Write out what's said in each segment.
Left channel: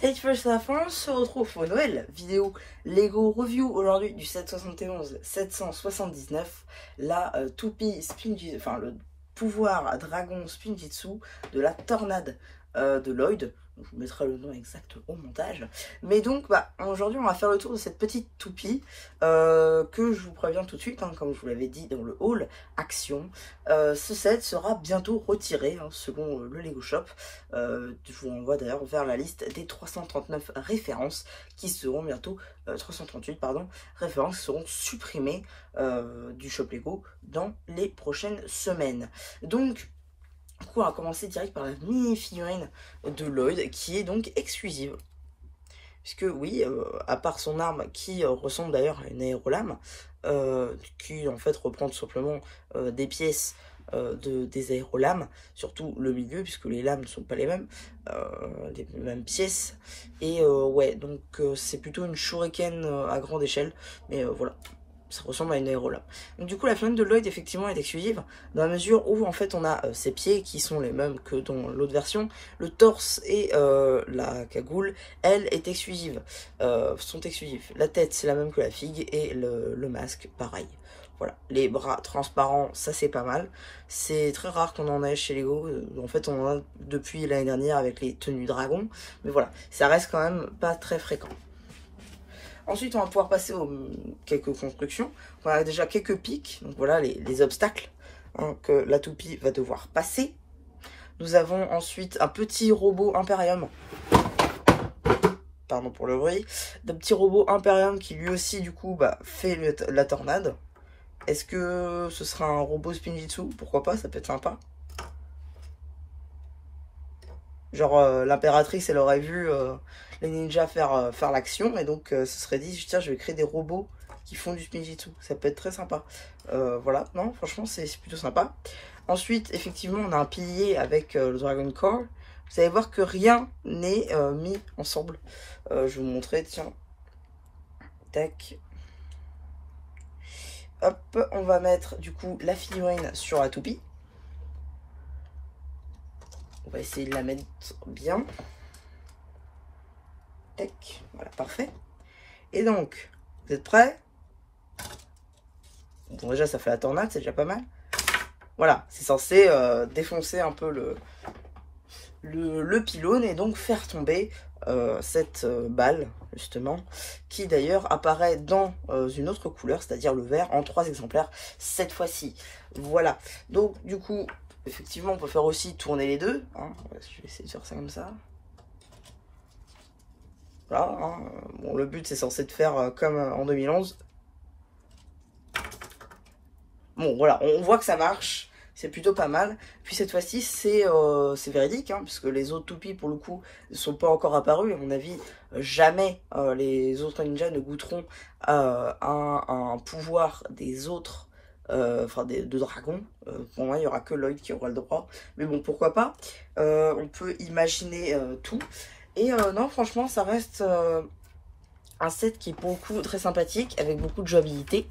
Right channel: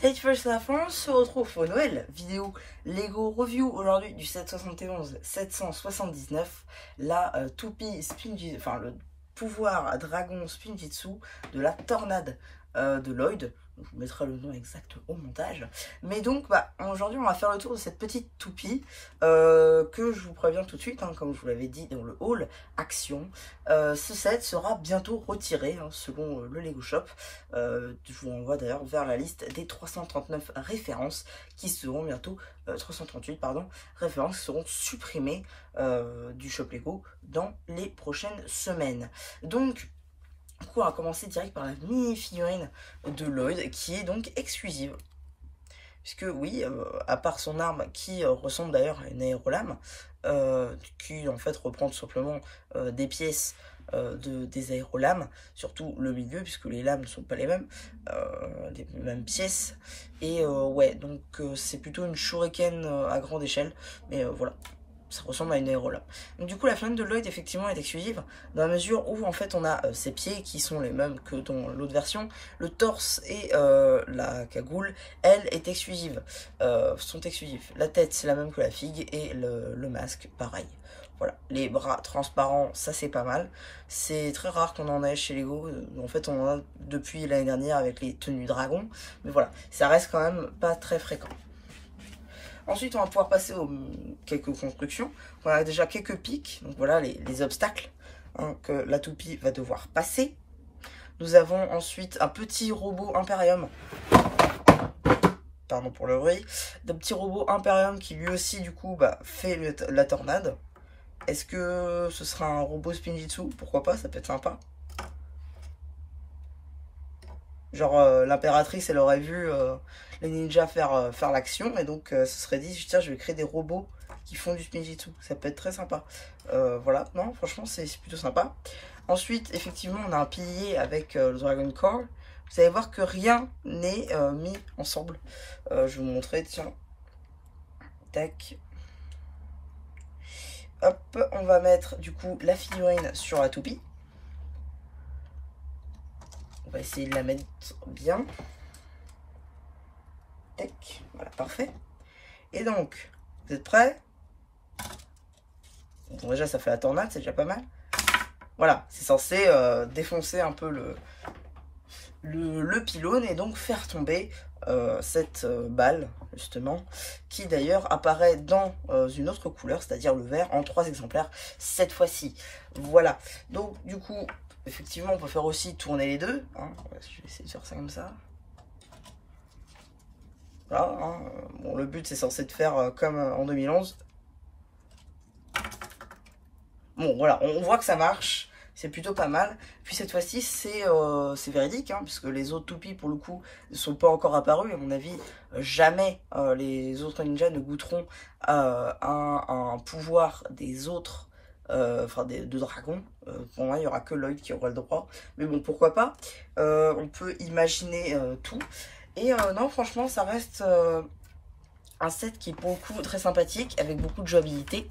Cette fois la France se retrouve pour une nouvelle vidéo Lego Review aujourd'hui du 771 779, la toupie Spinjitzu, enfin le pouvoir dragon Spinjitzu de la tornade de Lloyd. Je vous mettrai le nom exact au montage. Mais donc aujourd'hui on va faire le tour de cette petite toupie que je vous préviens tout de suite, hein, comme je vous l'avais dit dans le haul action. Ce set sera bientôt retiré selon le Lego Shop. Je vous renvoie d'ailleurs vers la liste des 339 références qui seront bientôt 338 pardon, références qui seront supprimées du Shop Lego dans les prochaines semaines. Donc on va commencer direct par la mini figurine de Lloyd qui est donc exclusive. Puisque oui, à part son arme qui ressemble d'ailleurs à une aérolame, qui en fait reprend tout simplement des pièces des aérolames, surtout le milieu, puisque les lames ne sont pas les mêmes pièces. Et ouais, donc c'est plutôt une shuriken à grande échelle, mais voilà. Ça ressemble à une aérolame. Donc du coup la figurine de Lloyd effectivement est exclusive dans la mesure où en fait on a ses pieds qui sont les mêmes que dans l'autre version. Le torse et la cagoule, elle, est exclusive, sont exclusifs. La tête c'est la même que la figue et le masque pareil. Voilà, les bras transparents, ça c'est pas mal. C'est très rare qu'on en ait chez Lego. En fait on en a depuis l'année dernière avec les tenues dragons. Mais voilà, ça reste quand même pas très fréquent. Ensuite, on va pouvoir passer aux quelques constructions. On a déjà quelques pics, donc voilà les obstacles que la toupie va devoir passer. Nous avons ensuite un petit robot Imperium. Pardon pour le bruit. Un petit robot Imperium qui lui aussi, du coup, fait la tornade. Est-ce que ce sera un robot Spinjitzu? Pourquoi pas, ça peut être sympa. Genre l'impératrice elle aurait vu les ninjas faire l'action et donc se serait dit tiens je vais créer des robots qui font du Spinjitzu, ça peut être très sympa. Voilà, non franchement c'est plutôt sympa. Ensuite effectivement on a un pilier avec le Dragon Core. Vous allez voir que rien n'est mis ensemble. Je vais vous montrer, tiens. Tac. Hop, on va mettre du coup la figurine sur la toupie. On va essayer de la mettre bien. Tac, voilà, parfait. Et donc, vous êtes prêts? Bon, déjà, ça fait la tornade, c'est déjà pas mal. Voilà, c'est censé défoncer un peu le pylône et donc faire tomber cette balle, justement, qui d'ailleurs apparaît dans une autre couleur, c'est-à-dire le vert, en 3 exemplaires cette fois-ci. Voilà, donc du coup... Effectivement, on peut faire aussi tourner les deux. Hein. Je vais essayer de faire ça comme ça. Voilà. Hein. Bon, le but, c'est censé de faire comme en 2011. Bon, voilà. On voit que ça marche. C'est plutôt pas mal. Puis cette fois-ci, c'est véridique. Hein, puisque les autres toupies, pour le coup, ne sont pas encore apparus. À mon avis, jamais les autres ninjas ne goûteront un pouvoir des autres. De dragons. Pour moi il n'y aura que Lloyd qui aura le droit, mais bon pourquoi pas. On peut imaginer tout et non franchement ça reste un set qui est pour le coup très sympathique avec beaucoup de jouabilité.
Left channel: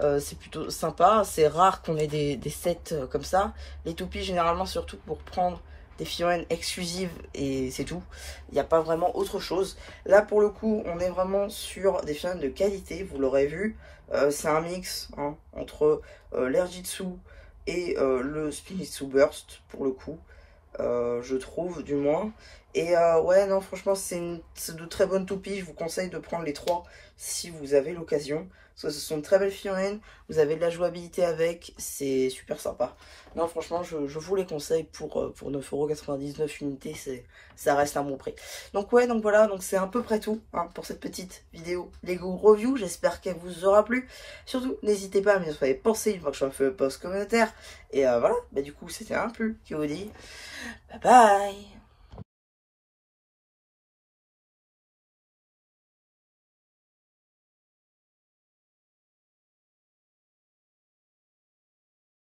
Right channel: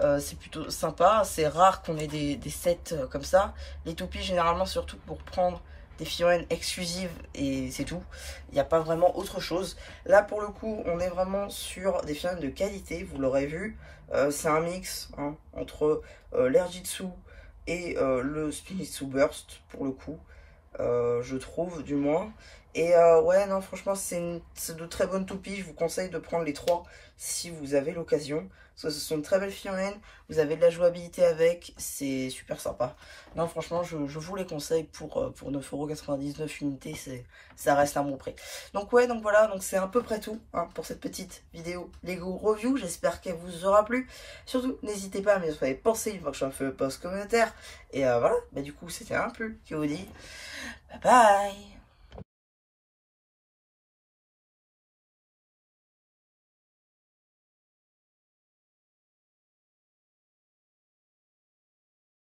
C'est plutôt sympa, c'est rare qu'on ait des sets comme ça. Les toupies généralement surtout pour prendre des figurines exclusives et c'est tout. Il n'y a pas vraiment autre chose. Là pour le coup on est vraiment sur des figurines de qualité, vous l'aurez vu. C'est un mix hein, entre l'Airjitsu et le Spinjitzu Burst pour le coup. Je trouve du moins. Et ouais non franchement c'est de très bonnes toupies. Je vous conseille de prendre les 3 si vous avez l'occasion. Parce que ce sont de très belles figurines. Vous avez de la jouabilité avec. C'est super sympa. Non franchement je vous les conseille pour 9,99€ l'unité. Ça reste un bon prix. Donc ouais donc voilà. Donc c'est à peu près tout hein, pour cette petite vidéo Lego Review. J'espère qu'elle vous aura plu. Surtout n'hésitez pas à me faire penser une fois que je fais le post commentaire. Et voilà. Du coup c'était un peu qui vous dit bye bye.